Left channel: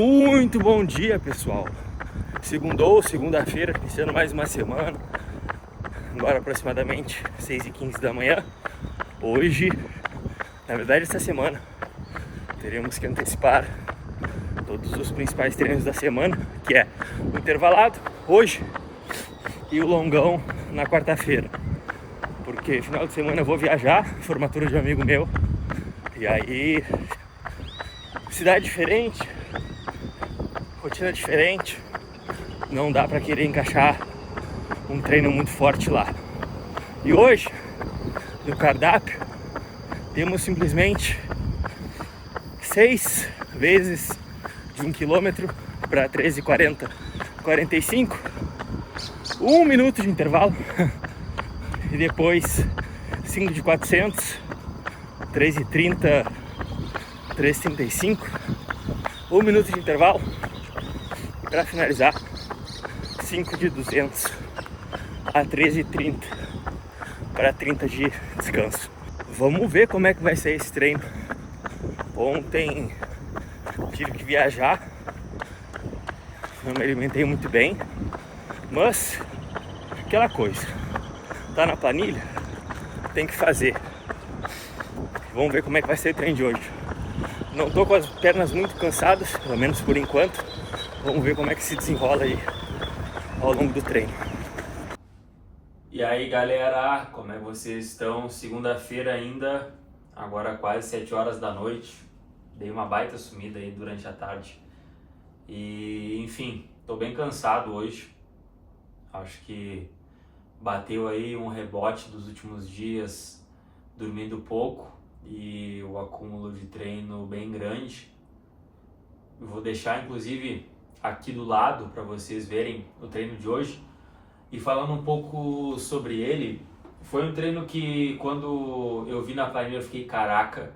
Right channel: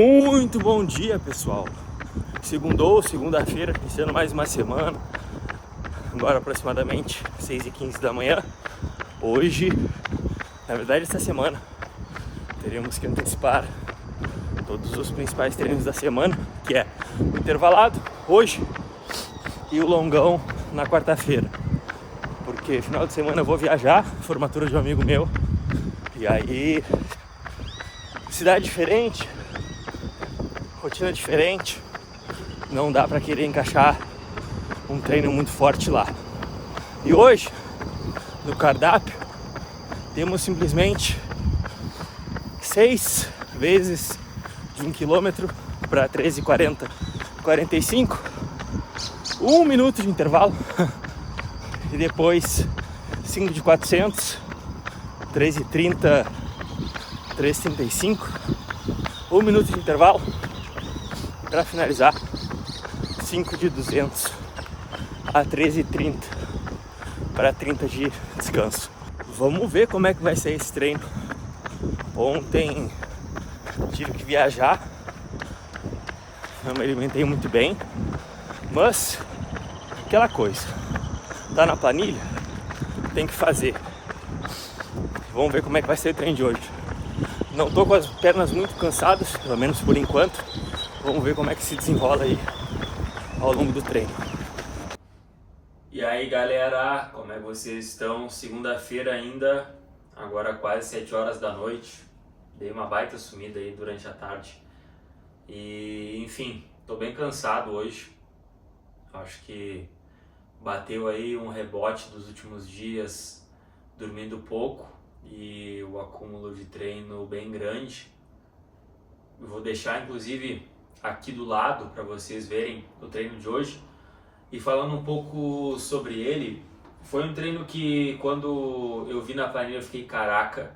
Muito bom dia, pessoal. Segunda-feira, iniciando mais uma semana. Agora aproximadamente 6h15 da manhã. Hoje, na verdade esta semana, teremos que antecipar todos os principais treinos da semana, que é o intervalado hoje e o longão na quarta-feira. Porque final de semana eu vou viajar, formatura de um amigo meu. E aí, cidade diferente, rotina diferente, não dá pra querer encaixar um treino muito forte lá. E hoje, no cardápio, temos simplesmente 6 vezes de 1 km para 13h40, 45, 1 minuto de intervalo e depois 5 de 400, 3h30, 3h35, 1 minuto de intervalo para finalizar 5 de 200 a 13h30 para 30 de descanso. Vamos ver como é que vai ser esse treino. Ontem tive que viajar, não me alimentei muito bem, mas aquela coisa, tá na planilha, tem que fazer. Vamos ver como é que vai ser o treino de hoje. Não tô com as pernas muito cansadas, pelo menos por enquanto. Vamos ver como é que se desenrola aí ao longo do treino. E aí galera, como é que vocês estão? Segunda-feira ainda, agora quase 7 horas da noite. Dei uma baita sumida aí durante a tarde. E enfim, tô bem cansado hoje. Acho que bateu aí um rebote dos últimos dias, dormindo pouco e o acúmulo de treino bem grande. Eu vou deixar inclusive aqui do lado para vocês verem o treino de hoje. E falando um pouco sobre ele, foi um treino que quando eu vi na planilha eu fiquei caraca,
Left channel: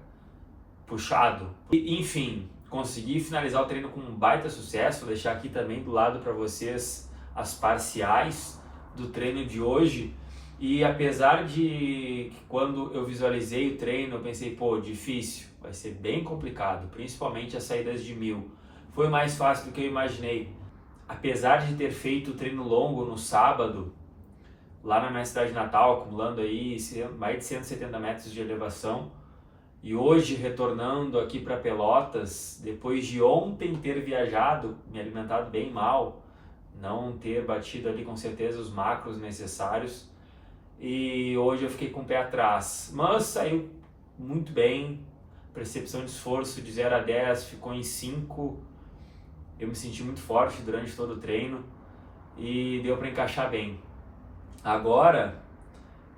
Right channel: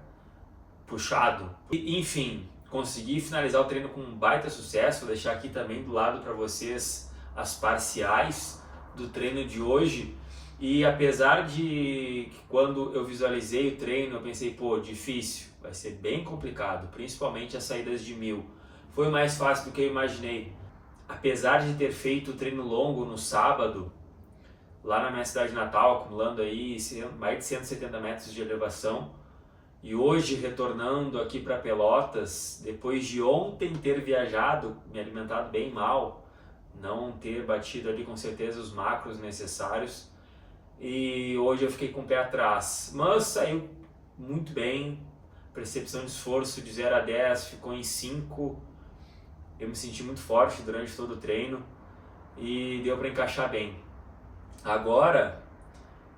puxado. E, enfim, consegui finalizar o treino com um baita sucesso. Vou deixar aqui também do lado para vocês as parciais do treino de hoje. E apesar de que quando eu visualizei o treino eu pensei, pô, difícil, vai ser bem complicado, principalmente as saídas de 1000. Foi mais fácil do que eu imaginei. Apesar de ter feito o treino longo no sábado, lá na minha cidade natal, acumulando aí mais de 170 metros de elevação, e hoje retornando aqui para Pelotas, depois de ontem ter viajado, me alimentado bem mal, não ter batido ali com certeza os macros necessários, e hoje eu fiquei com o pé atrás, mas saiu muito bem. Percepção de esforço de 0 a 10 ficou em 5. Eu me senti muito forte durante todo o treino e deu para encaixar bem. Agora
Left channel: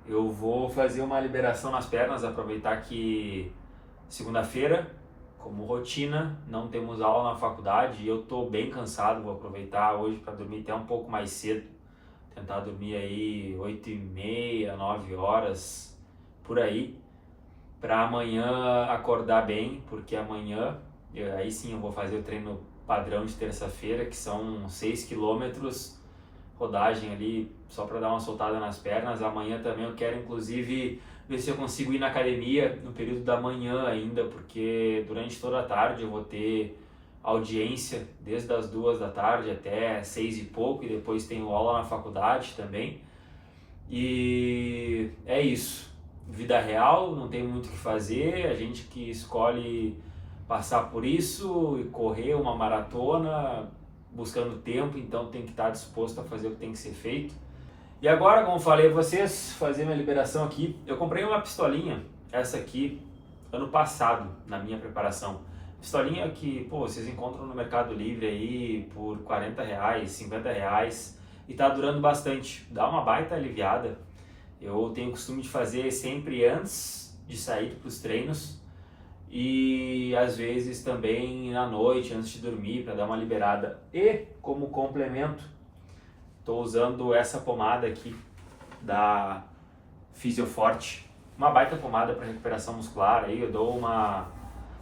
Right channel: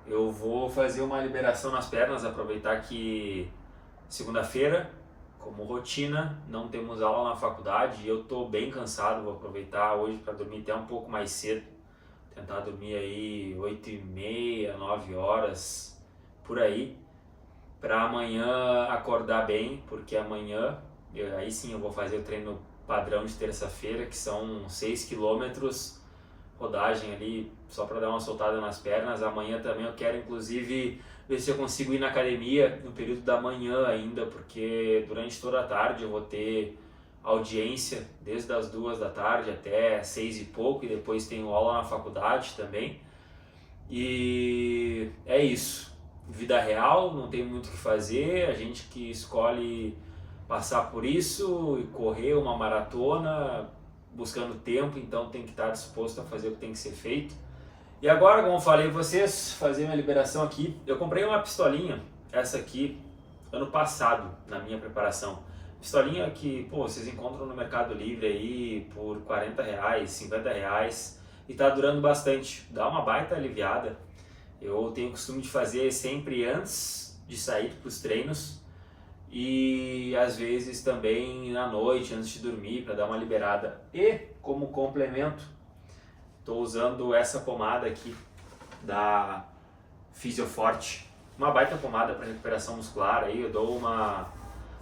eu vou fazer uma liberação nas pernas, aproveitar que segunda-feira, como rotina, não temos aula na faculdade e eu estou bem cansado. Vou aproveitar hoje para dormir até um pouco mais cedo, tentar dormir aí 8h30, 9 horas, por aí, para amanhã acordar bem, porque amanhã aí sim eu vou fazer o treino padrão de terça-feira, que são 6 km, rodagem ali só para dar uma soltada nas pernas. Amanhã também eu quero inclusive ver se eu consigo ir na academia no período da manhã ainda, porque durante toda a tarde eu vou ter audiência desde as 2 da tarde até 6 e pouco, e depois tenho aula na faculdade também. E é isso, vida real, não tem muito o que fazer, a gente que escolhe passar por isso e correr uma maratona buscando tempo, então tem que estar disposto a fazer o que tem que ser feito. E agora, como falei a vocês, fazer minha liberação aqui. Eu comprei uma pistolinha, essa aqui, ano passado, na minha preparação. Pistolinha que, pô, vocês encontram no Mercado Livre aí por R$40, R$50 e tá durando bastante, dá uma baita aliviada. Eu tenho o costume de fazer sempre antes de sair para os treinos, e às vezes também à noite, antes de dormir, para dar uma liberada. E como complemento, estou usando essa pomada aqui da Fisioforte, uma baita pomada para recuperação muscular. Aí eu dou uma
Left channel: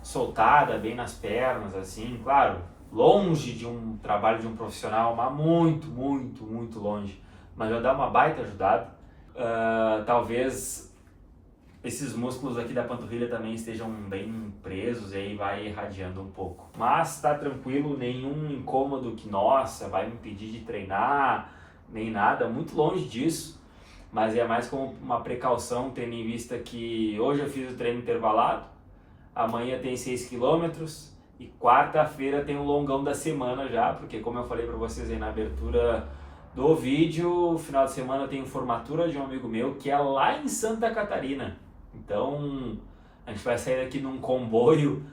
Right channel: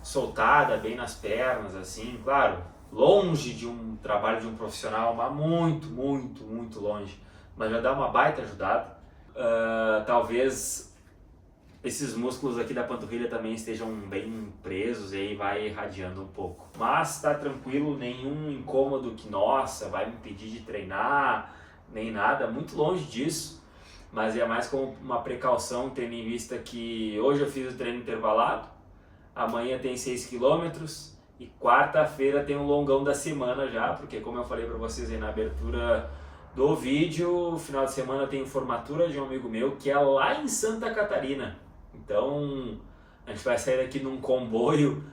soltada bem nas pernas, assim, claro, longe de um trabalho de um profissional, mas muito longe, mas já dá uma baita ajudada. Talvez esses músculos aqui da panturrilha também estejam bem presos e aí vai irradiando um pouco. Mas tá tranquilo, nenhum incômodo que, nossa, vai me impedir de treinar, nem nada, muito longe disso. Mas é mais como uma precaução, tendo em vista que hoje eu fiz o treino intervalado, amanhã tem 6 km e quarta-feira tem o longão da semana já, porque como eu falei para vocês aí na abertura do vídeo, final de semana tem formatura de um amigo meu que é lá em Santa Catarina. Então a gente vai sair daqui num comboio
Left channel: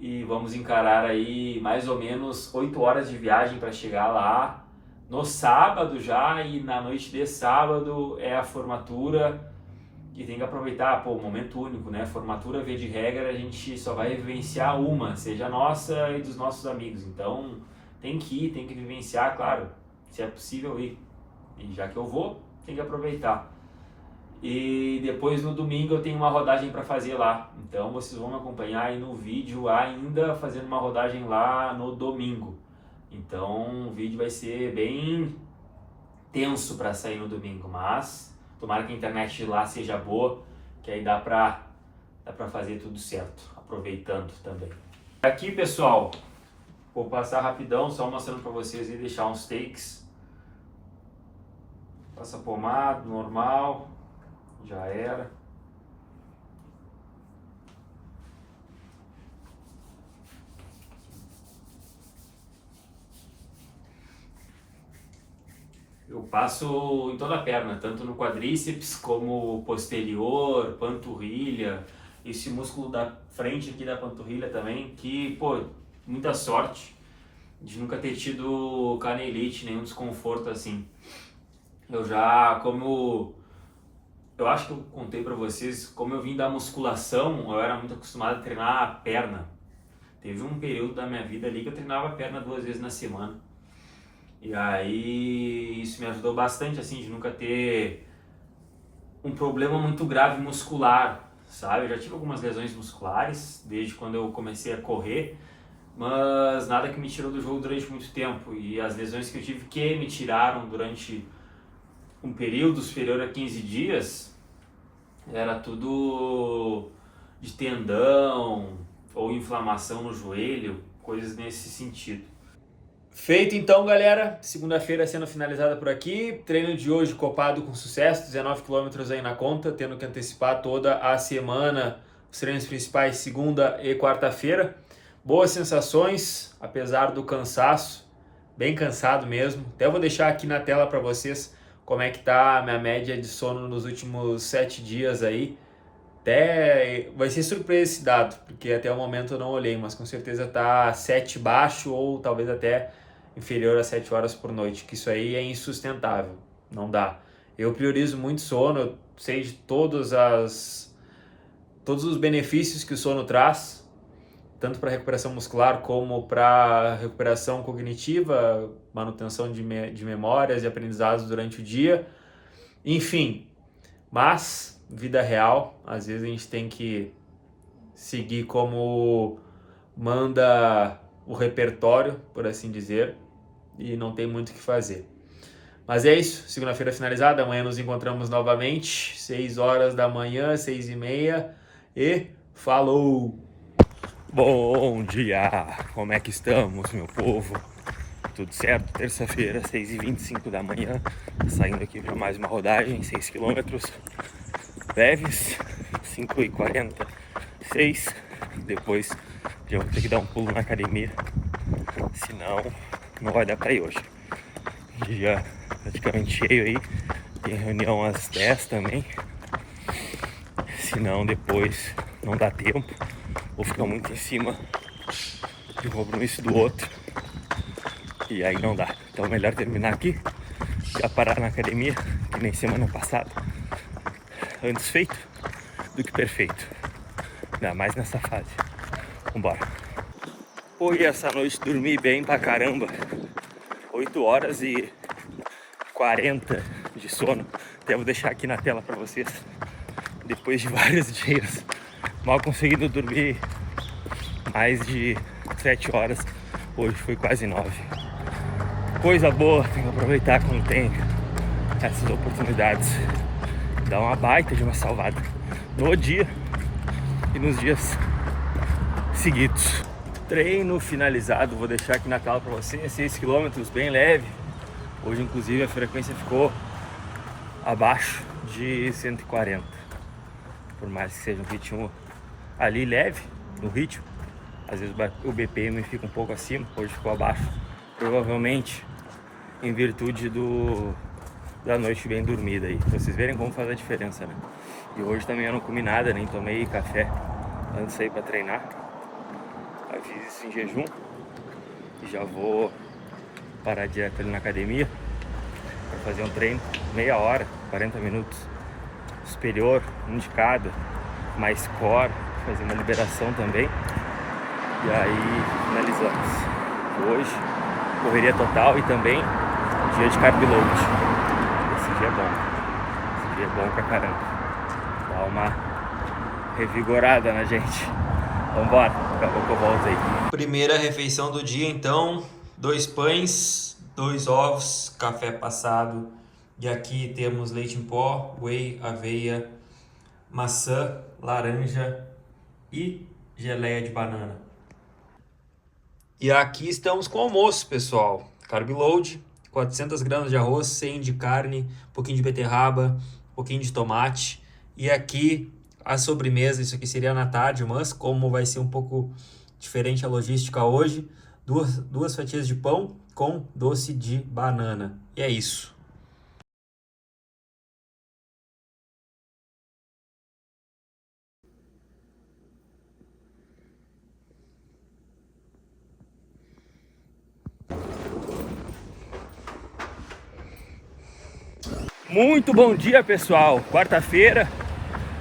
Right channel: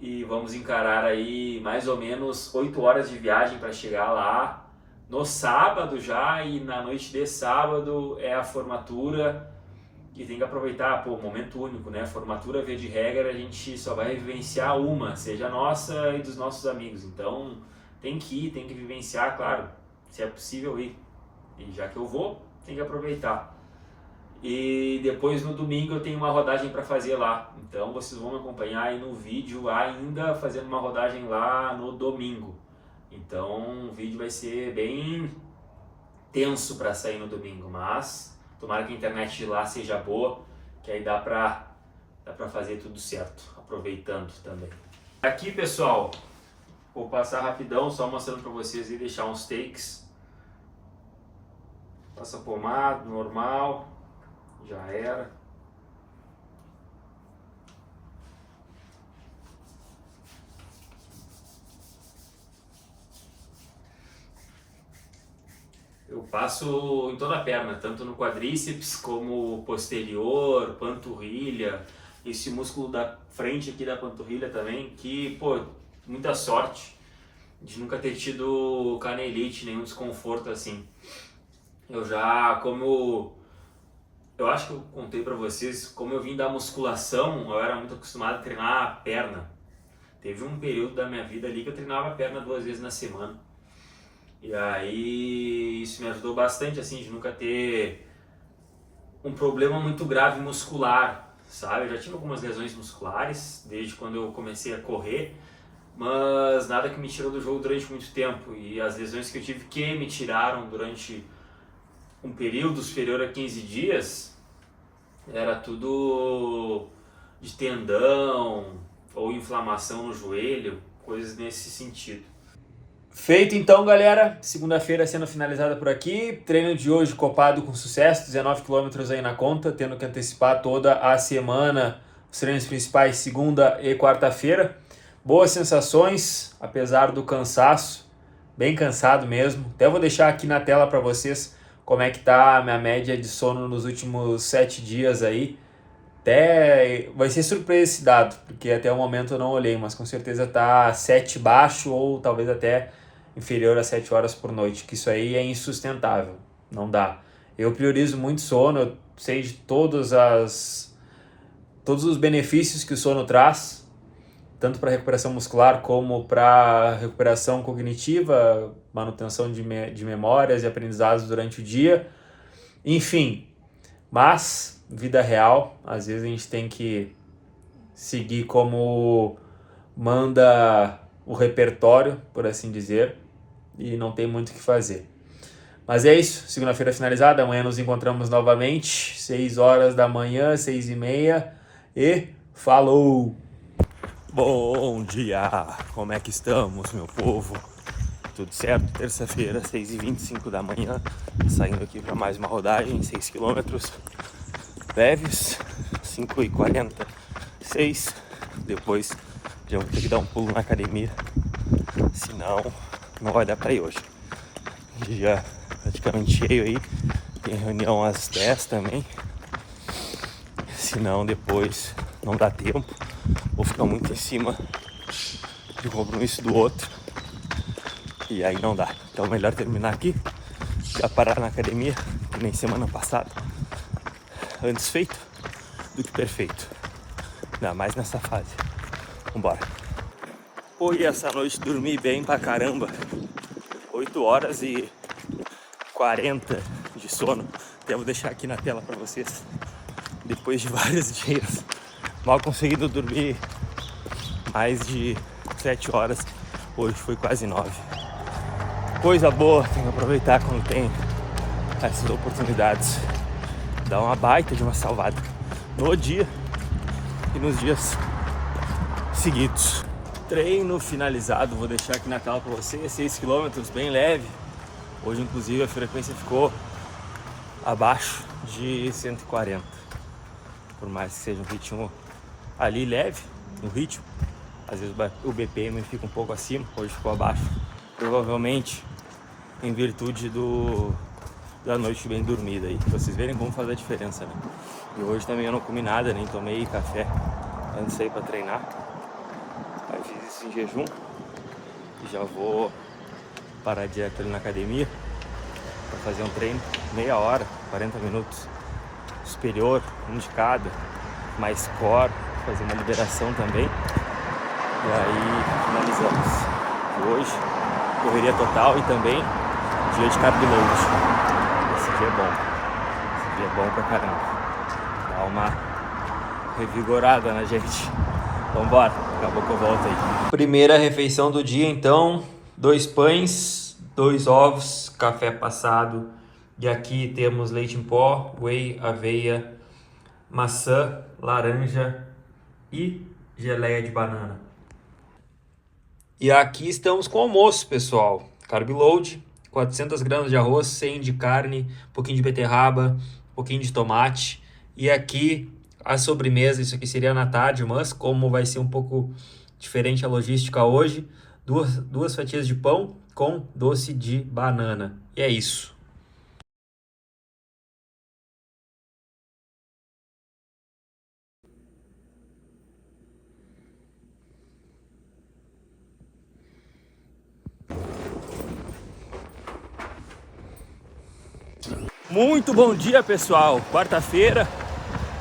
e vamos encarar aí mais ou menos 8 horas de viagem para chegar lá no sábado já, e na noite de sábado é a formatura e tem que aproveitar, pô, momento único, né? Formatura, via de regra, a gente só vai vivenciar uma, seja nossa e dos nossos amigos. Então tem que ir, tem que vivenciar, claro, se é possível ir. E já que eu vou, tem que aproveitar. E depois no domingo eu tenho uma rodagem para fazer lá. Então vocês vão me acompanhar aí no vídeo ainda fazendo uma rodagem lá no domingo. Então o vídeo vai ser bem tenso para sair no domingo, mas tomara que a internet de lá seja boa, que aí dá pra fazer tudo certo, aproveitando também. Aqui, pessoal, vou passar rapidão, só mostrando para vocês e deixar uns takes. Passa pomada, normal, já era. Eu passo em toda a perna, tanto no quadríceps como posterior, panturrilha, esse músculo da frente aqui da panturrilha também, que, pô, muita sorte de nunca ter tido canelite, nenhum desconforto assim. Eu acho que eu contei pra vocês, como eu vim da musculação, eu era muito acostumado a treinar a perna. Teve um período da minha vida ali que eu treinava a perna 2 vezes na semana. E aí isso me ajudou bastante, assim, de nunca ter um problema muito grave muscular, sabe? Eu já tive algumas lesões musculares desde quando eu comecei a correr, mas nada que me tirou do jogo durante muito tempo. E as lesões que eu tive que me tiraram durante um período superior a 15 dias, era tudo de tendão ou inflamação no joelho, coisas nesse sentido. Feito então, galera, segunda-feira sendo finalizada por aqui, treino de hoje copado com sucesso, 19 km aí na conta, tendo que antecipar toda a semana, os treinos principais segunda e quarta-feira. Boas sensações, apesar do cansaço, bem cansado mesmo. Até vou deixar aqui na tela para vocês como é que tá a minha média de sono nos últimos 7 dias aí. Até vai ser surpresa esse dado, porque até o momento eu não olhei, mas com certeza tá 7 baixo ou talvez até inferior a 7 horas por noite, que isso aí é insustentável, não dá. Eu priorizo muito sono, eu sei de todos os benefícios que o sono traz, tanto para recuperação muscular como para recuperação cognitiva, manutenção de memórias e aprendizados durante o dia, enfim. Mas, vida real, às vezes a gente tem que seguir como manda o repertório, por assim dizer, e não tem muito o que fazer. Mas é isso, segunda-feira finalizada, amanhã nos encontramos novamente, 6 horas da manhã, 6h30, e falou! Bom dia! Como é que estamos, meu povo? Tudo certo? Terça-feira, 6h25 da manhã, saindo aqui para mais uma rodagem, 6 km leves, 5h46. Depois já vou ter que dar um pulo na academia, senão não vai dar para ir hoje. Dia praticamente cheio aí, tem reunião às 10 também, senão depois não dá tempo, vou ficar muito em cima de um compromisso do outro e aí não dá. Então melhor terminar aqui, já parar na academia, que nem semana passada, antes feito do que perfeito, ainda mais nessa fase. Vambora. Hoje essa noite dormi bem pra caramba, 8 horas e 40 de sono. Até vou deixar aqui na tela pra vocês. Depois de vários dias mal conseguindo dormir mais de 7 horas, hoje foi quase 9. Coisa boa, tem que aproveitar quando tem essas oportunidades. Dá uma baita de uma salvada no dia e nos dias seguidos. Treino finalizado, vou deixar aqui na tela para você, 6 km, bem leve. Hoje inclusive a frequência ficou abaixo de 140, por mais que seja um ritmo ali leve no ritmo, às vezes o BPM fica um pouco acima, hoje ficou abaixo, provavelmente em virtude da noite bem dormida aí, pra vocês verem como faz a diferença, né? E hoje também eu não comi nada, nem tomei café antes de sair pra treinar. Eu fiz isso em jejum e já vou parar direto ali na academia para fazer um treino, meia hora, 40 minutos, superior, um de cada, mais core, fazer uma liberação também. E aí finalizamos. Hoje, correria total e também dia de carb load. Esse dia é bom. Esse dia é bom pra caramba. Dá uma revigorada na gente. Vambora, daqui a pouco eu volto aí. Primeira refeição do dia então, 2 pães, 2 ovos, café passado. E aqui temos leite em pó, whey, aveia, maçã, laranja e geleia de banana. E aqui estamos com o almoço, pessoal. Carb load, 400 gramas de arroz, 100 de carne, um pouquinho de beterraba, um pouquinho de tomate. E aqui a sobremesa, isso aqui seria na tarde, mas como vai ser um pouco diferente a logística hoje, duas fatias de pão com doce de banana. E é isso. Muito bom dia, pessoal. Quarta-feira,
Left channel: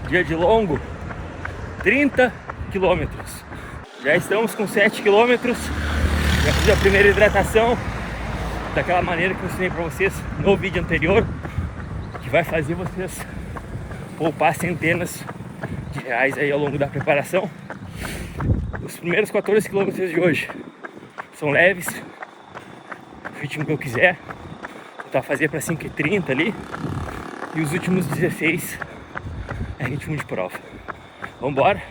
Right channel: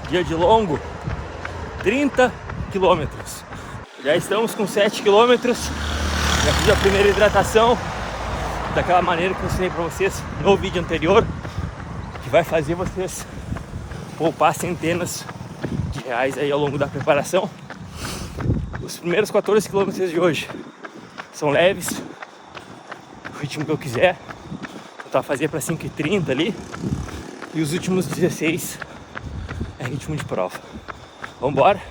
dia de longo, 30 quilômetros. Já estamos com 7 quilômetros. Já fiz a primeira hidratação daquela maneira que eu ensinei para vocês no vídeo anterior, que vai fazer vocês poupar centenas de reais aí ao longo da preparação. Os primeiros 14 quilômetros de hoje são leves, o ritmo que eu quiser. Vou fazer para 5h30 ali. E os últimos 16 é ritmo de prova. Vambora.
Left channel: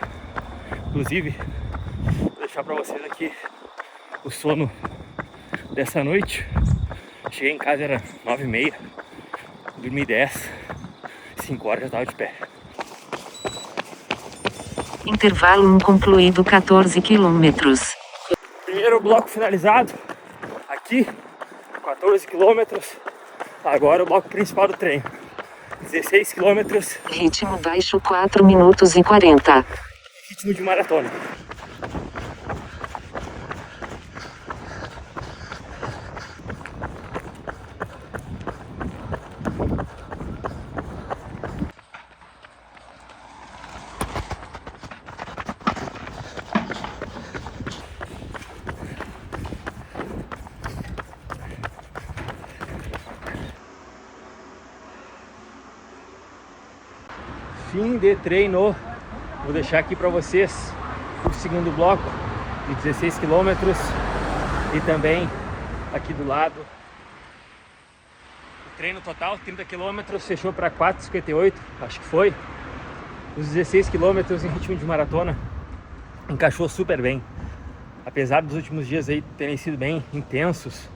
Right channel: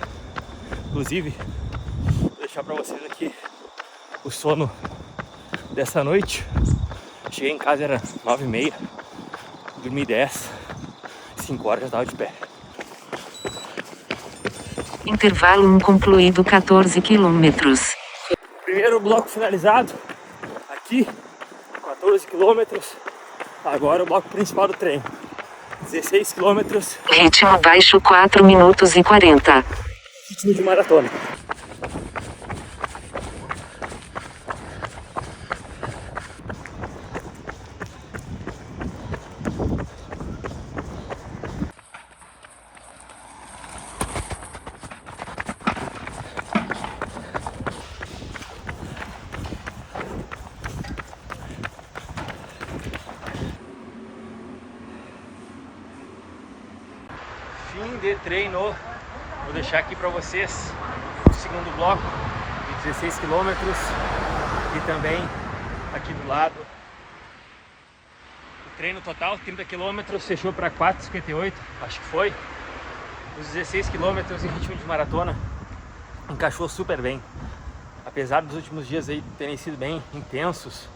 Inclusive, vou deixar para vocês aqui o sono dessa noite. Cheguei em casa, era 9h30. Dormi 10. 5 horas já estava de pé. Intervalo 1 concluído, 14 quilômetros. Primeiro bloco finalizado. Aqui, 14 quilômetros. Agora o bloco principal do treino. 16 quilômetros. Ritmo baixo, 4 minutos e 40. Ritmo de maratona. Fim de treino. Vou deixar aqui para vocês o segundo bloco de 16 quilômetros e também aqui do lado o treino total, 30 quilômetros, fechou para 4,58, acho que foi. Os 16 quilômetros em ritmo de maratona encaixou super bem, apesar dos últimos dias aí terem sido bem intensos.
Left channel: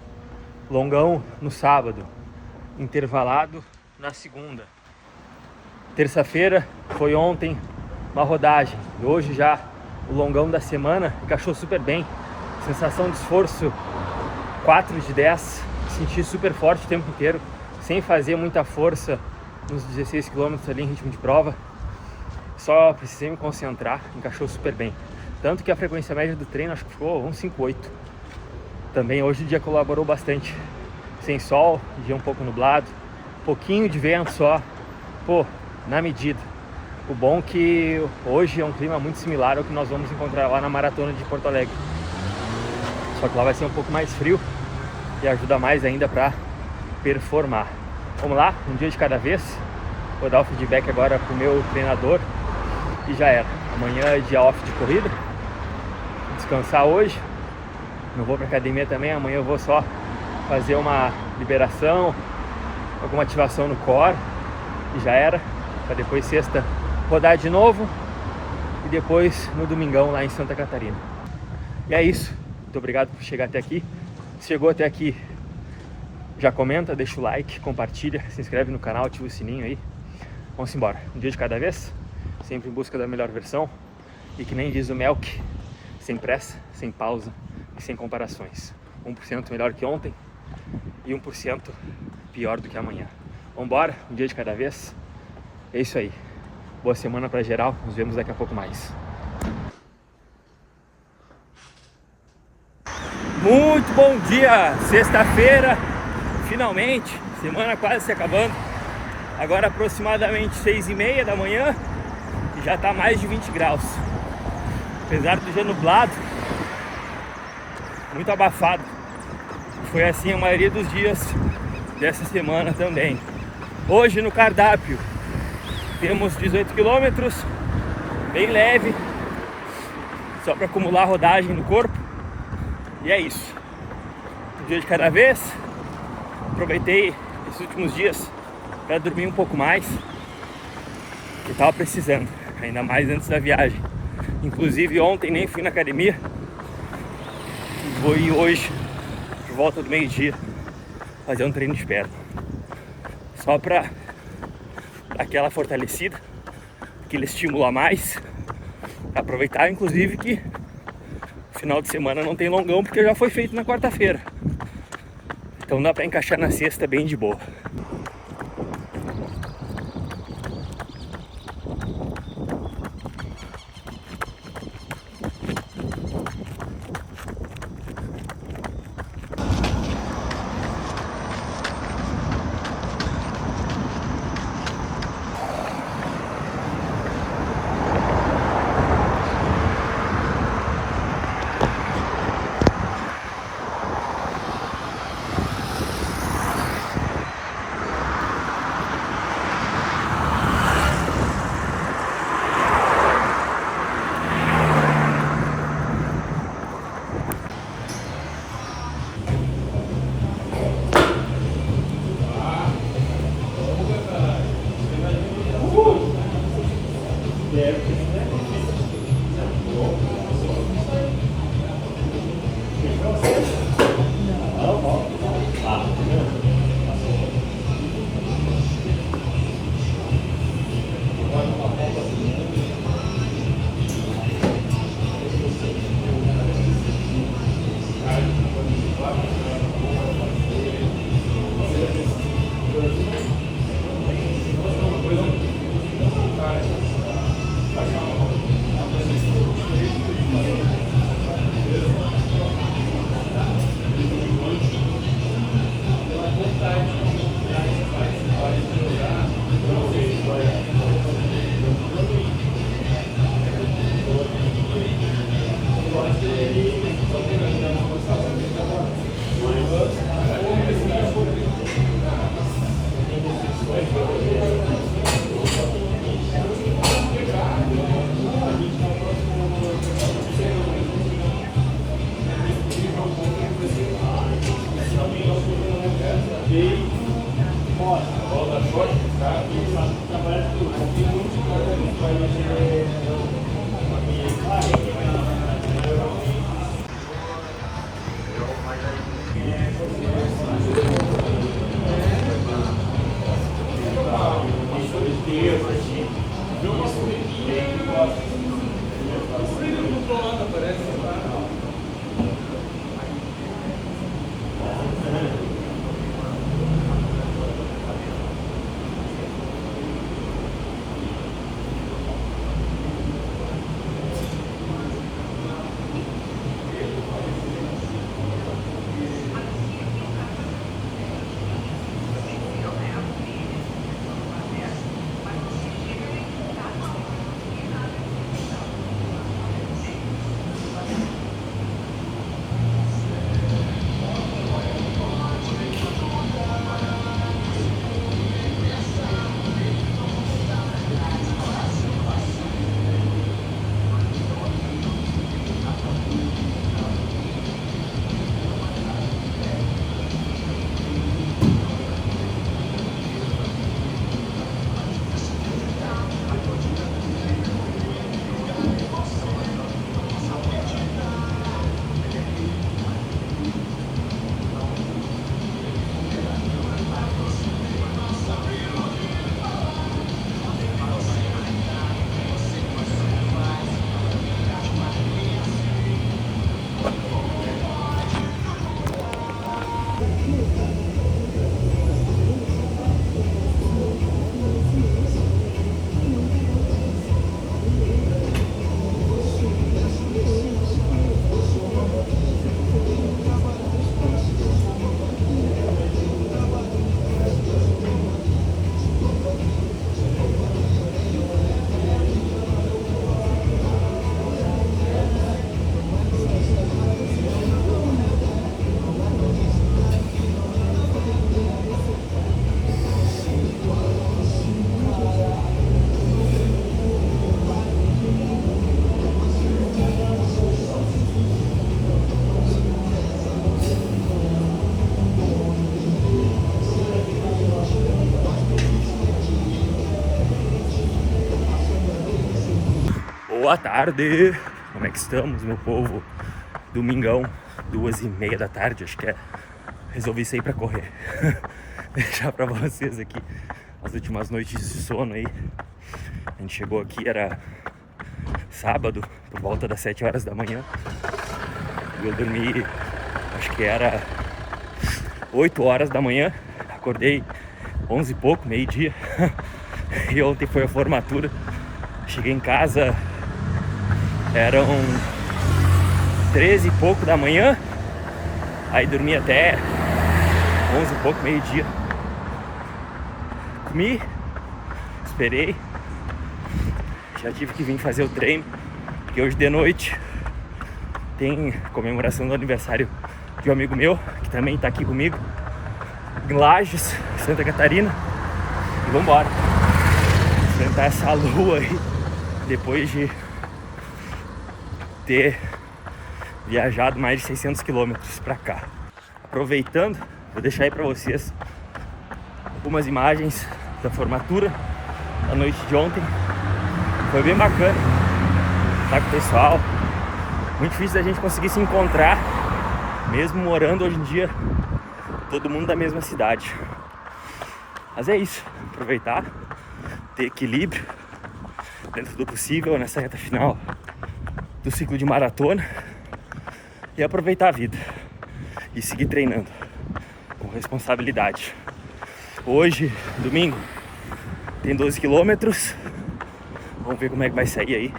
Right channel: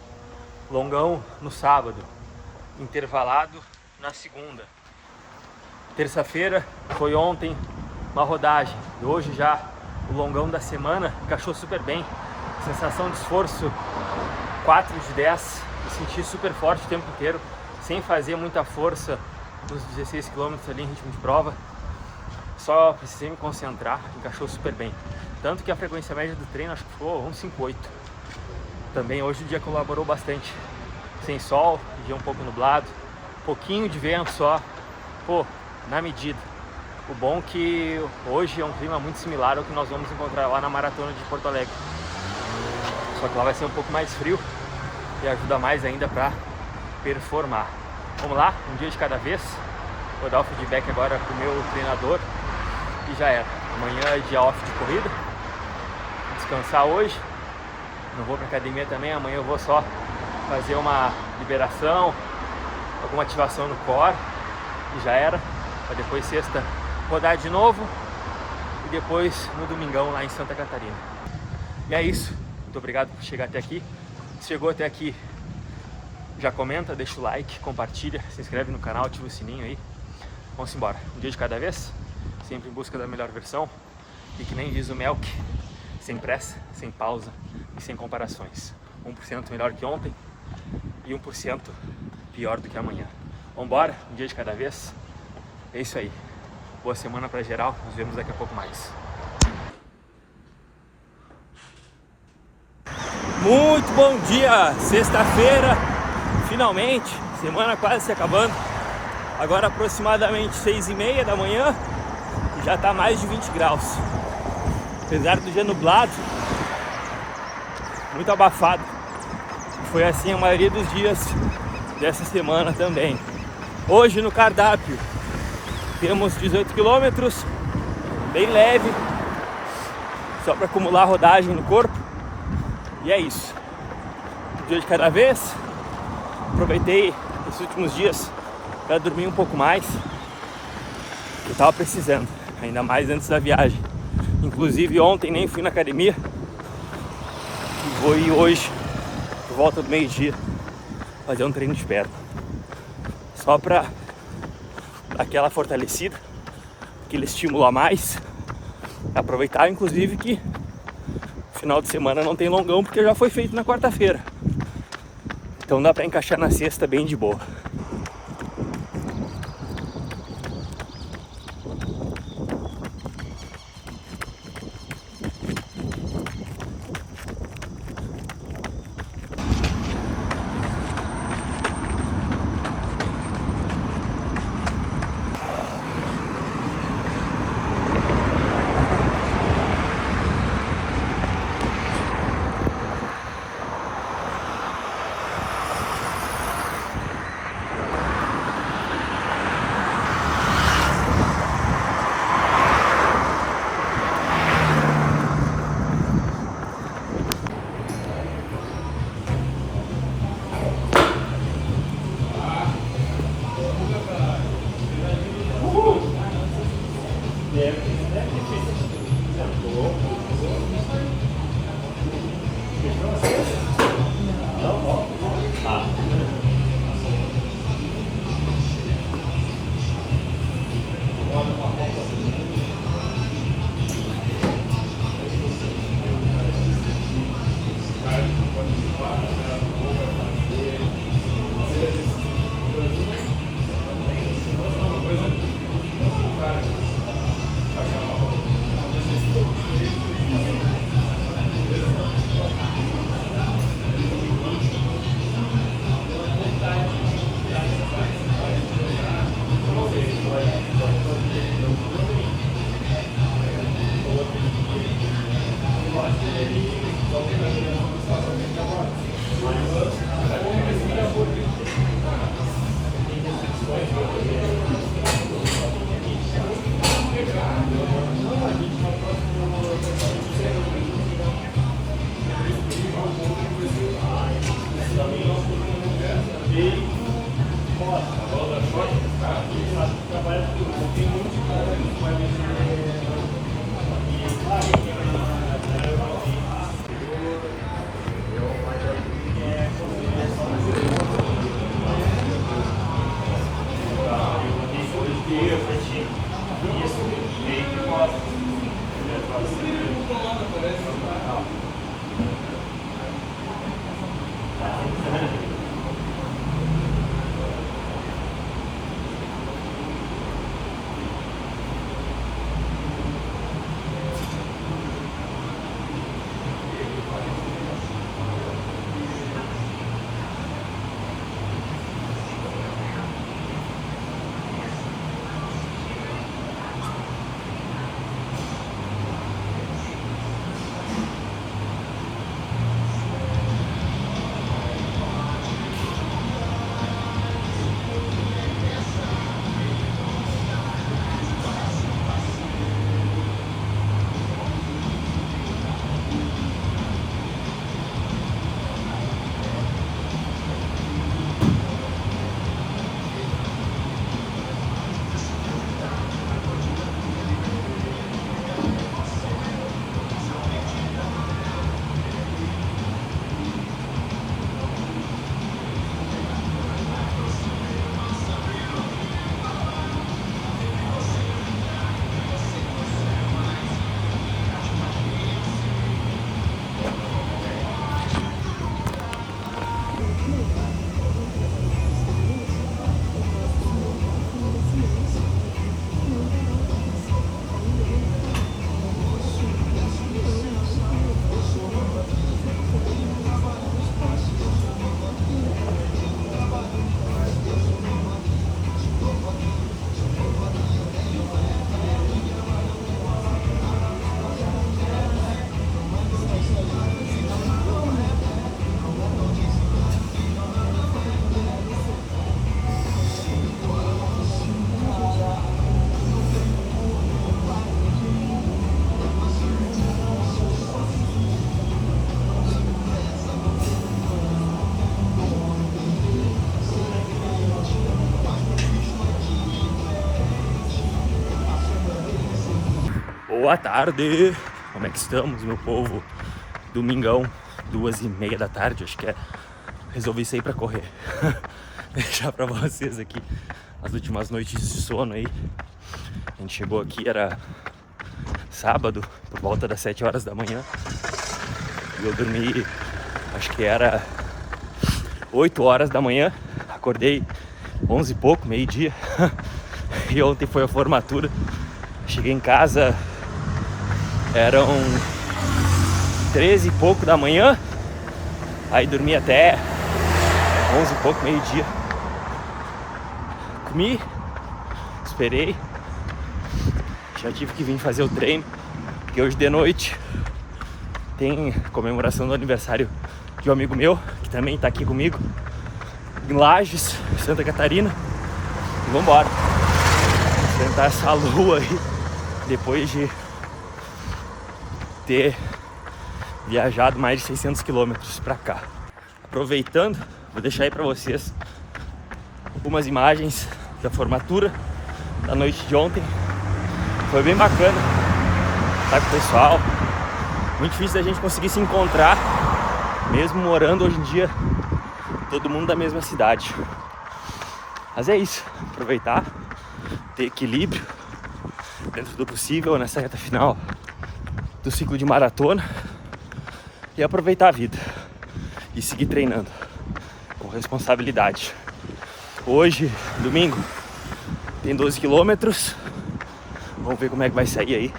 Longão no sábado, intervalado na segunda. Terça-feira foi ontem uma rodagem e hoje já o longão da semana encaixou super bem. Sensação de esforço 4 de 10, senti super forte o tempo inteiro, sem fazer muita força nos 16 km ali em ritmo de prova. Só precisei me concentrar, encaixou super bem. Tanto que a frequência média do treino acho que ficou 1,58. Também hoje o dia colaborou bastante. Sem sol, dia um pouco nublado, pouquinho de vento só. Pô, na medida. O bom é que hoje é um clima muito similar ao que nós vamos encontrar lá na maratona de Porto Alegre. Só que lá vai ser um pouco mais frio e ajuda mais ainda para performar. Vamos lá, um dia de cada vez. Vou dar o feedback agora pro meu treinador e já era. Amanhã é dia off de corrida. Vou descansar hoje. Não vou pra academia também. Amanhã eu vou só fazer uma liberação, alguma ativação no core e já era. Para depois sexta rodar de novo e depois no domingão lá em Santa Catarina. E é isso. Muito obrigado por chegar até aqui. Se chegou até aqui, já comenta, deixa o like, compartilha, se inscreve no canal, ativa o sininho aí. Vamos embora. Um dia de cada vez, sempre em busca da melhor versão. E que nem diz o Melk, sem pressa, sem pausa e sem comparações. 1% melhor que ontem e 1% pior do que amanhã. Vambora, um dia de cada vez. É isso aí. Boa semana pra geral, nos vemos daqui a pouco mais. Muito bom dia! Sexta-feira, finalmente, semana quase se acabando. Agora aproximadamente 6h30 da manhã e já tá mais de 20 graus. Apesar do dia nublado, muito abafado. Foi assim a maioria dos dias dessa semana também. Hoje no cardápio temos 18 quilômetros, bem leve, só para acumular rodagem no corpo. E é isso. Um dia de cada vez. Aproveitei esses últimos dias para dormir um pouco mais, que estava precisando, ainda mais antes da viagem. Inclusive ontem nem fui na academia e vou ir hoje, por volta do meio-dia, fazer um treino de perna. Só para dar aquela fortalecida, aquele estímulo a mais. Aproveitar inclusive que final de semana não tem longão porque já foi feito na quarta-feira. Então dá para encaixar na sexta bem de boa. Boa tarde! Como é que estamos, meu povo? Domingão, 2h30 da tarde, acho que é. Resolvi sair pra correr. Deixar pra vocês aqui as últimas noites de sono aí. A gente chegou aqui, era sábado, por volta das 7 horas da manhã. E eu dormi, acho que era 8 horas da manhã. Acordei 11 e pouco, meio-dia. E ontem foi a formatura. Cheguei em casa, eram 13 e pouco da manhã. Aí dormi até 11 e pouco, meio-dia. Comi, esperei. Já tive que vir fazer o treino, porque hoje de noite tem comemoração do aniversário de um amigo meu, que também tá aqui comigo, em Lages, Santa Catarina. E vambora enfrentar essa lua aí, depois de ter viajado mais de 600 quilômetros pra cá. Aproveitando, vou deixar aí pra vocês algumas imagens da formatura da noite de ontem. Foi bem bacana estar com o pessoal. Muito difícil da gente conseguir se encontrar, mesmo morando hoje em dia todo mundo da mesma cidade. Mas é isso, aproveitar, ter equilíbrio dentro do possível nessa reta final do ciclo de maratona e aproveitar a vida e seguir treinando com responsabilidade. Hoje, domingo, tem 12 quilômetros. Vamos ver como é que vai sair aí.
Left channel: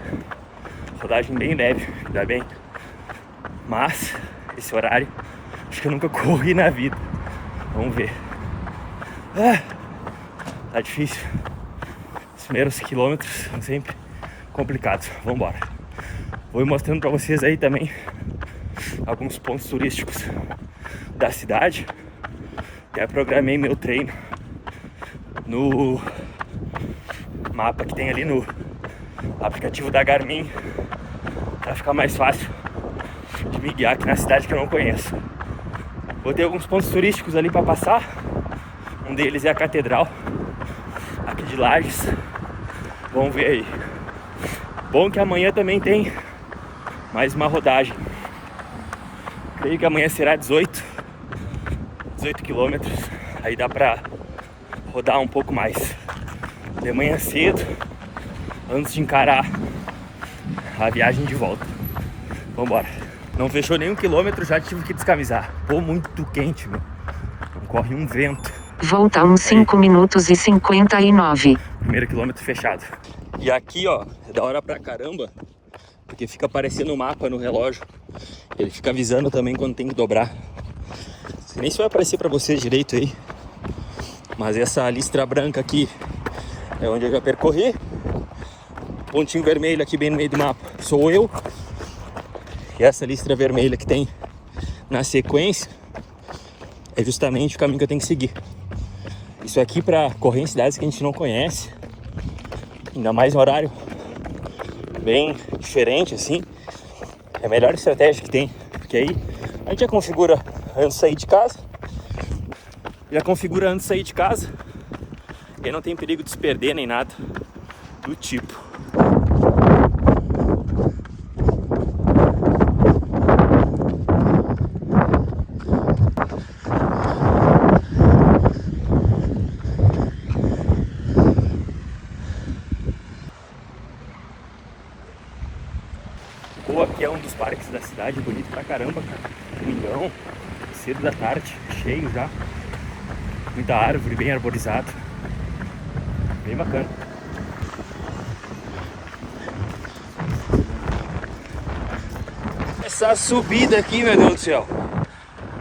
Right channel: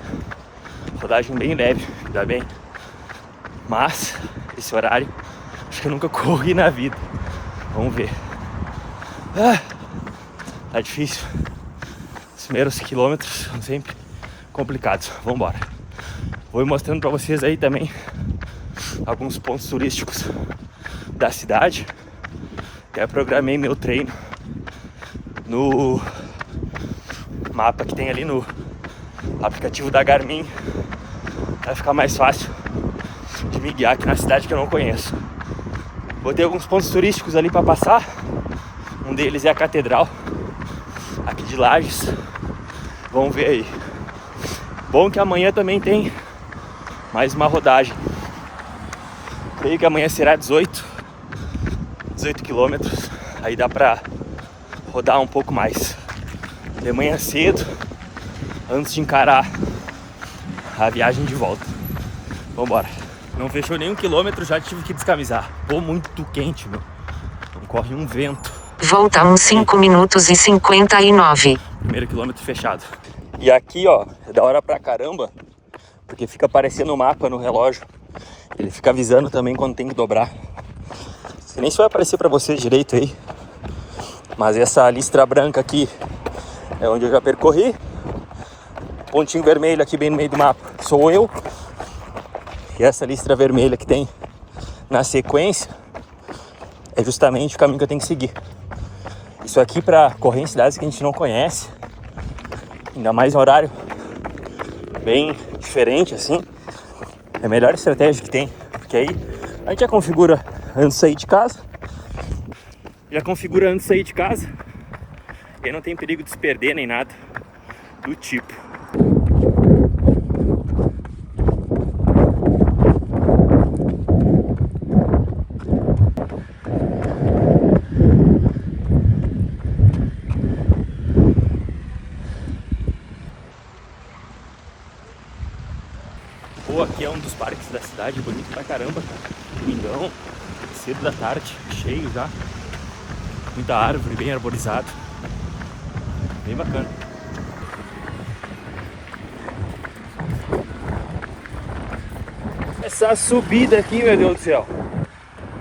Rodagem bem leve, ainda bem. Mas, esse horário, acho que eu nunca corri na vida. Vamos ver. Tá difícil. Os primeiros quilômetros são sempre complicados. Vamos embora. Vou mostrando pra vocês aí também alguns pontos turísticos da cidade. Já programei meu treino no mapa que tem ali no aplicativo da Garmin, vai ficar mais fácil de me guiar aqui na cidade que eu não conheço. Botei alguns pontos turísticos ali para passar. Um deles é a Catedral aqui de Lages. Vamos ver aí. Bom que amanhã também tem mais uma rodagem. Creio que amanhã será 18 quilômetros. Aí dá pra rodar um pouco mais de manhã cedo, antes de encarar a viagem de volta. Vambora. Não fechou nenhum quilômetro, já tive que descamisar. Pô, muito quente, meu. Não corre um vento. Volta uns 5 minutos e 59. Primeiro quilômetro fechado. E aqui, ó, é da hora pra caramba, porque fica aparecendo o mapa no relógio. Ele fica avisando também quando tem que dobrar. Nem se vai aparecer pra vocês direito aí, mas essa listra branca aqui é onde eu já percorri. Pontinho vermelho aqui bem no meio do mapa sou eu. E essa listra vermelha que tem na sequência é justamente o caminho que eu tenho que seguir. Isso aqui para correr em cidades que a gente não conhece, ainda mais horário bem diferente assim, é a melhor estratégia que tem. Porque aí a gente já configura antes de sair de casa. E aí não tem perigo de se perder nem nada do tipo. Pô, aqui é um dos parques da cidade, bonito pra caramba, cara. Domingão, cedo da tarde, cheio já. Muita árvore, bem arborizado. Bem bacana. Essa subida aqui, meu Deus do céu.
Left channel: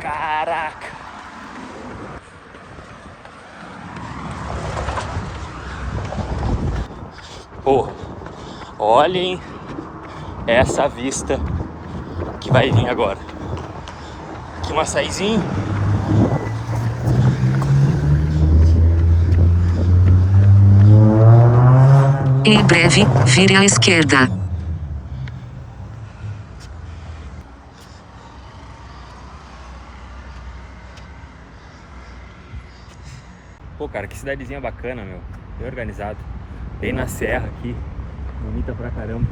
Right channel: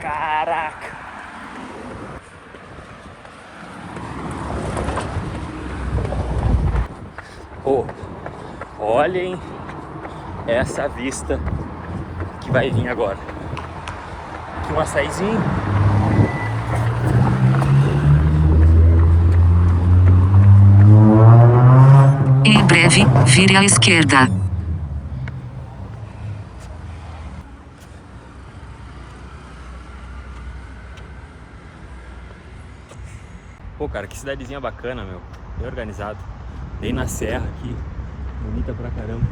Caraca. Pô, olhem essa vista que vai vir agora. Aqui um açaizinho. Em breve, vire à esquerda. Pô, cara, que cidadezinha bacana, meu. Bem organizado. Bem na serra aqui. Bonita pra caramba.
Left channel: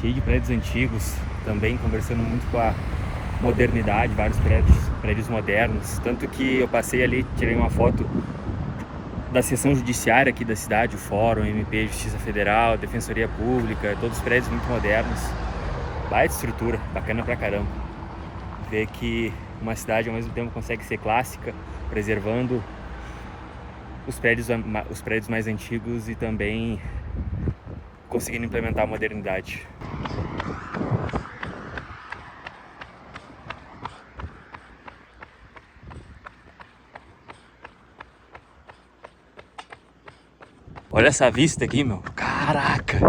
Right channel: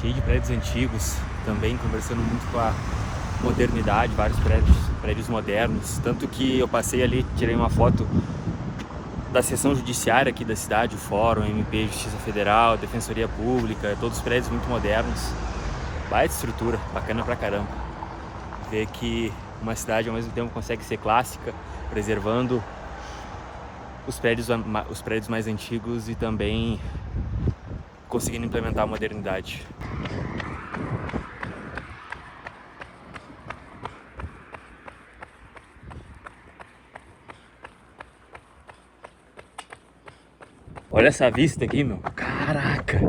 cheio de prédios antigos, também conversando muito com a modernidade, vários prédios modernos. Tanto que eu passei ali, tirei uma foto da seção judiciária aqui da cidade, o Fórum, MP, Justiça Federal, Defensoria Pública, todos os prédios muito modernos. Baita estrutura, bacana pra caramba. Ver que uma cidade ao mesmo tempo consegue ser clássica, preservando os prédios mais antigos e também conseguindo implementar a modernidade. Olha essa vista aqui, meu. Caraca!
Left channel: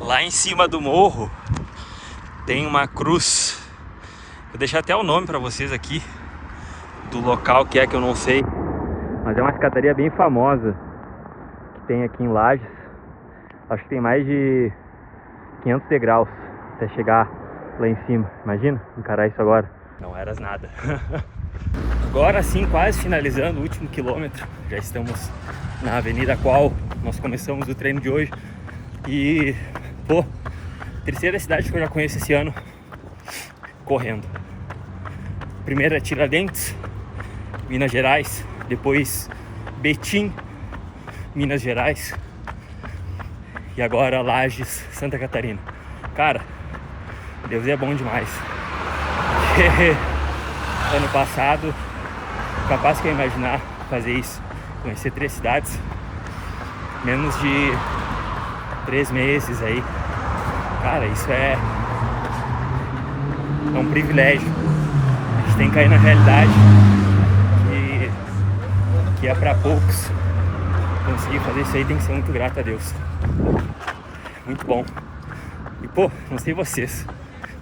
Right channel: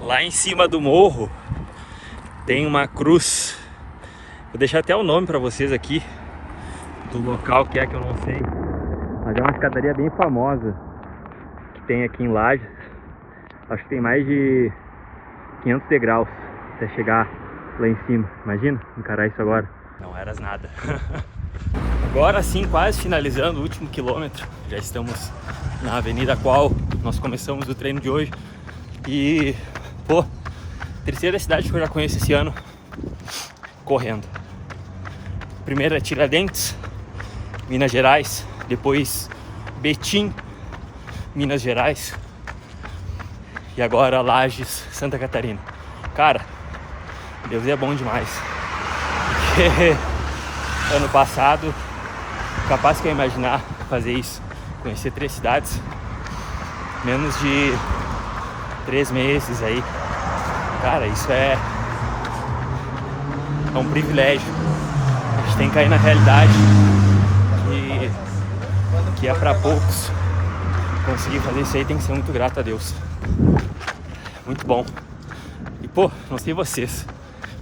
Lá em cima do morro tem uma cruz. Vou deixar até o nome para vocês aqui do local que eu não sei, mas é uma escadaria bem famosa que tem aqui em Lages. Acho que tem mais de 500 degraus até chegar lá em cima. Imagina encarar isso agora. Não eras nada. Agora sim, quase finalizando o último quilômetro. Já estamos na avenida a qual nós começamos o treino de hoje. E, pô, terceira cidade que eu já conheço esse ano correndo. Primeiro é Tiradentes, Minas Gerais. Depois Betim, Minas Gerais. E agora Lages, Santa Catarina. Cara, Deus é bom demais. Ano passado, capaz que eu imaginar fazer isso, conhecer 3 cidades, menos de 3 meses aí. Cara, isso é um privilégio. A gente tem que cair na realidade que é pra poucos. Conseguir fazer isso aí tem que ser muito grato a Deus. Muito bom. E pô, não sei vocês,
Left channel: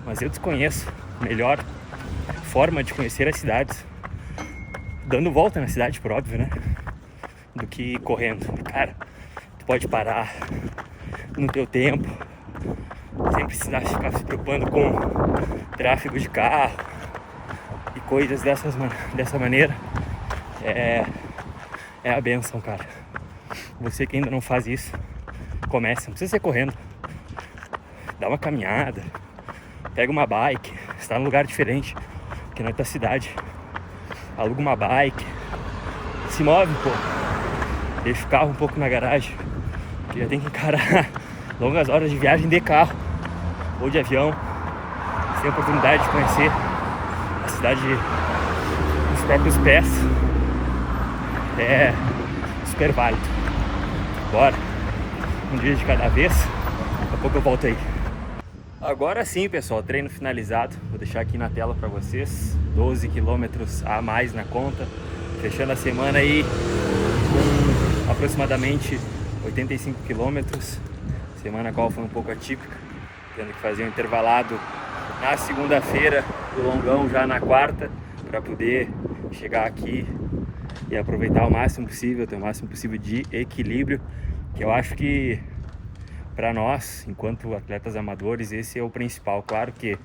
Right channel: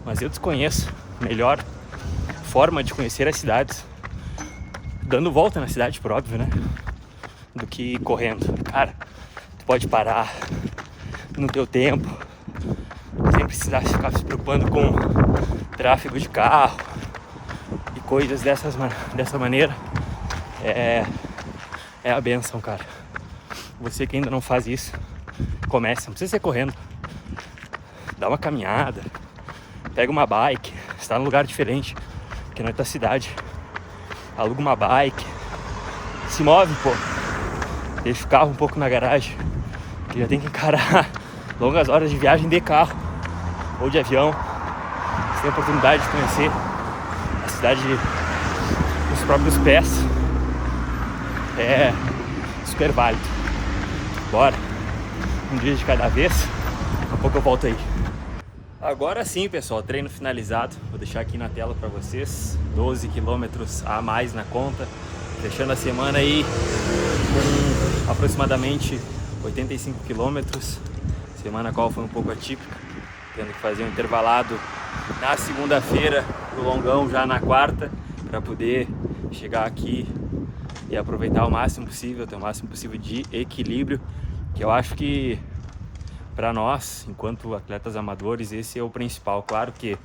mas eu desconheço melhor forma de conhecer as cidades dando volta na cidade, por óbvio, né? Do que correndo. Cara, tu pode parar no teu tempo, sem precisar ficar se preocupando com tráfego de carro e coisas dessa maneira. É a benção, cara. Você que ainda não faz isso, comece, não precisa ser correndo. Dá uma caminhada, pega uma bike, está num lugar diferente que na tua cidade. Aluga uma bike, se move, pô. Deixa o carro um pouco na garagem, que já tem que encarar longas horas de viagem de carro ou de avião. Você tem a oportunidade de conhecer a cidade nos próprios pés. É super válido. Bora, um dia de cada vez. Daqui a pouco eu volto aí. Agora sim, pessoal, treino finalizado. Vou deixar aqui na tela para vocês. 12 quilômetros a mais na conta. Fechando a semana aí com aproximadamente 85 quilômetros. Semana a qual foi um pouco atípica, tendo que fazer um intervalado na segunda-feira, do longão já na quarta, para poder chegar aqui e aproveitar o máximo possível, ter o máximo possível de equilíbrio, que eu acho que para nós, enquanto atletas amadores, esse é o principal. Claro que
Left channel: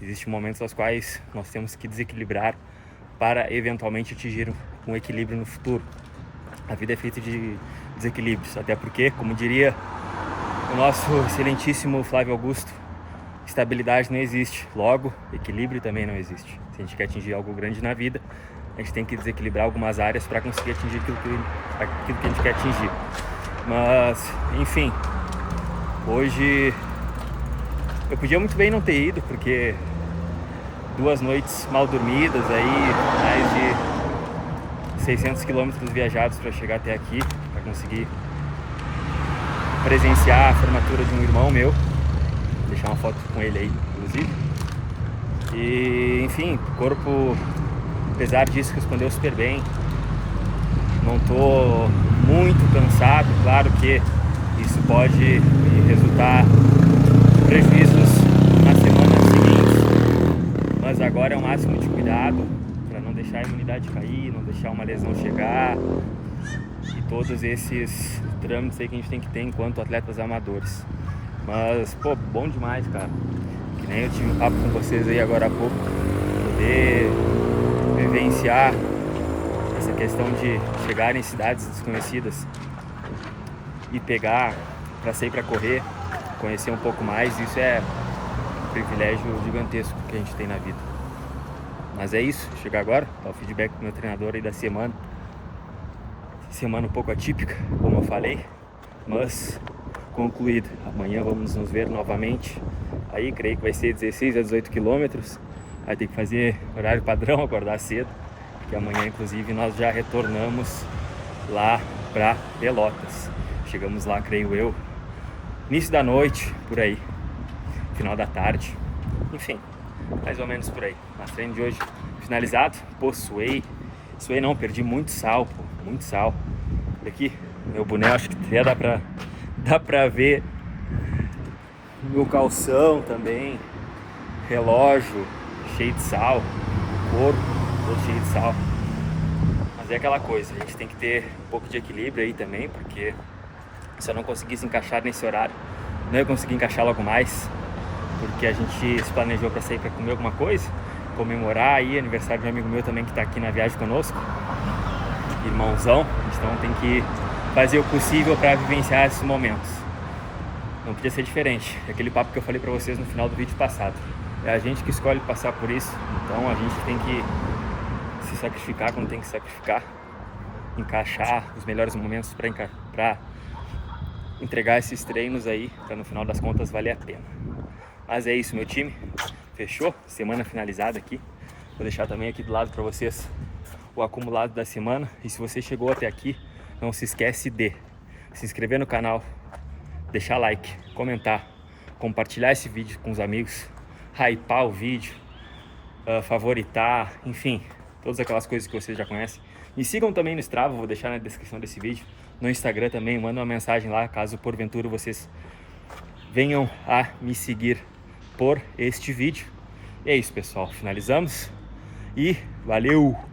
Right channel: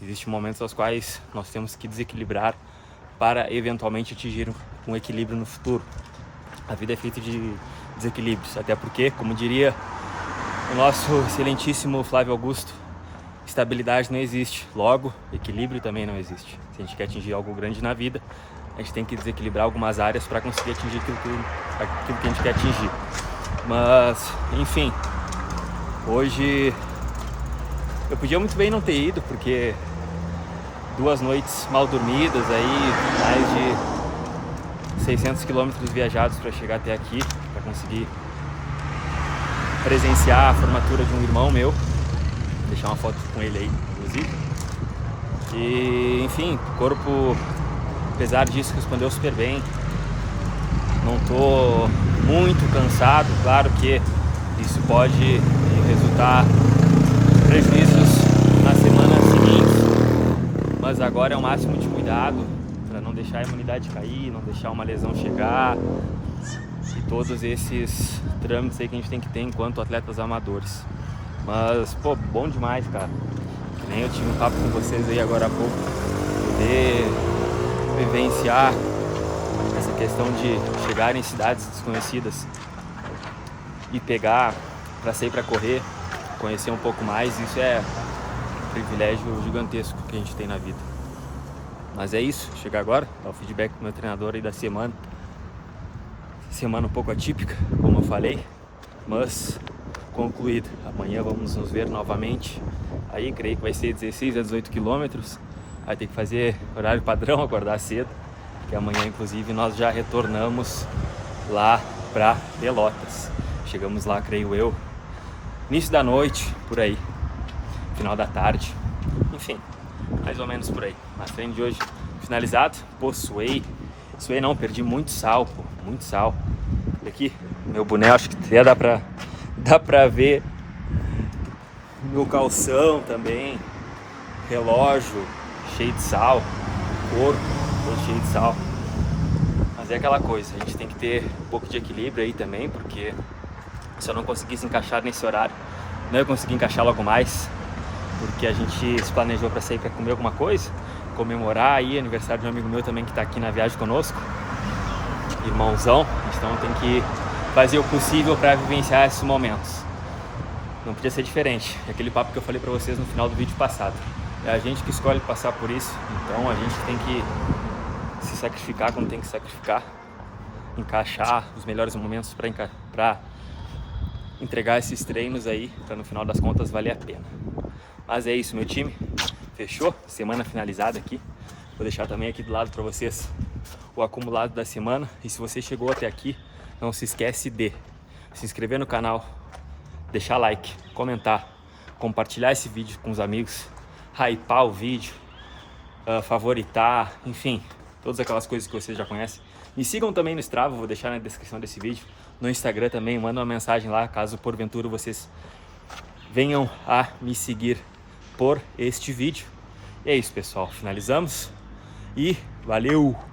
existem momentos aos quais nós temos que desequilibrar para eventualmente atingir um equilíbrio no futuro. A vida é feita de desequilíbrios, até porque, como diria o nosso excelentíssimo Flávio Augusto, estabilidade não existe, logo equilíbrio também não existe. Se a gente quer atingir algo grande na vida, a gente tem que desequilibrar algumas áreas para conseguir atingir aquilo que a gente quer atingir. Mas, enfim, hoje eu podia muito bem não ter ido, porque 2 noites mal dormidas, aí mais de 600 quilômetros viajados para chegar até aqui, para conseguir presenciar a formatura de um irmão meu. Vou deixar uma foto com ele aí, inclusive. E, enfim, o corpo, apesar disso, respondeu super bem. Não tô muito cansado, claro que isso pode resultar em prejuízos na semana seguinte, mas agora é o máximo de cuidado para não deixar a imunidade cair, não deixar uma lesão chegar, e todos esses trâmites aí que a gente tem que ter enquanto atletas amadores. Mas, pô, bom demais, cara. Que nem eu tive um papo com vocês aí agora há pouco, poder vivenciar essa questão de chegar em cidades desconhecidas e pegar para sair para correr, conhecer um pouco mais, isso é um privilégio gigantesco que a gente tem na vida. Mas é isso, chegar agora, dar o feedback pro meu treinador aí da semana. Semana um pouco atípica, como eu falei, mas concluída. Amanhã vamos nos ver novamente. Aí creio que vai ser 16 a 18 quilômetros. Vai ter que fazer horário padrão, acordar cedo. Porque amanhã, inclusive, nós já retornamos lá para Pelotas. Chegamos lá, creio eu, início da noite, por aí, final da tarde. Enfim, mais ou menos por aí. A treino de hoje finalizado. Pô, suei não, perdi muito sal, pô, muito sal. E aqui, meu boné, acho que até dá pra ver meu calção também, relógio cheio de sal, corpo todo cheio de sal. Mas é aquela coisa, a gente tem que ter um pouco de equilíbrio aí também, porque se eu não conseguisse encaixar nesse horário, não ia conseguir encaixar logo mais, porque a gente se planejou para sair para comer alguma coisa, comemorar aí aniversário de um amigo meu também que está aqui na viagem conosco, irmãozão. Então tem que fazer o possível para vivenciar esses momentos. Não podia ser diferente, é aquele papo que eu falei para vocês no final do vídeo passado. É a gente que escolhe passar por isso, então a gente tem que se sacrificar quando tem que sacrificar, encaixar os melhores momentos para entregar esses treinos aí, para no final das contas valer a pena. Mas é isso, meu time, fechou? Semana finalizada aqui. Vou deixar também aqui do lado para vocês o acumulado da semana. E se você chegou até aqui, não se esquece de se inscrever no canal, deixar like, comentar, compartilhar esse vídeo com os amigos, hypar o vídeo, favoritar, enfim, todas aquelas coisas que vocês já conhecem. Me sigam também no Strava, vou deixar na descrição desse vídeo. No Instagram também, manda uma mensagem lá, caso porventura vocês venham a me seguir por este vídeo. E é isso, pessoal, finalizamos e valeu!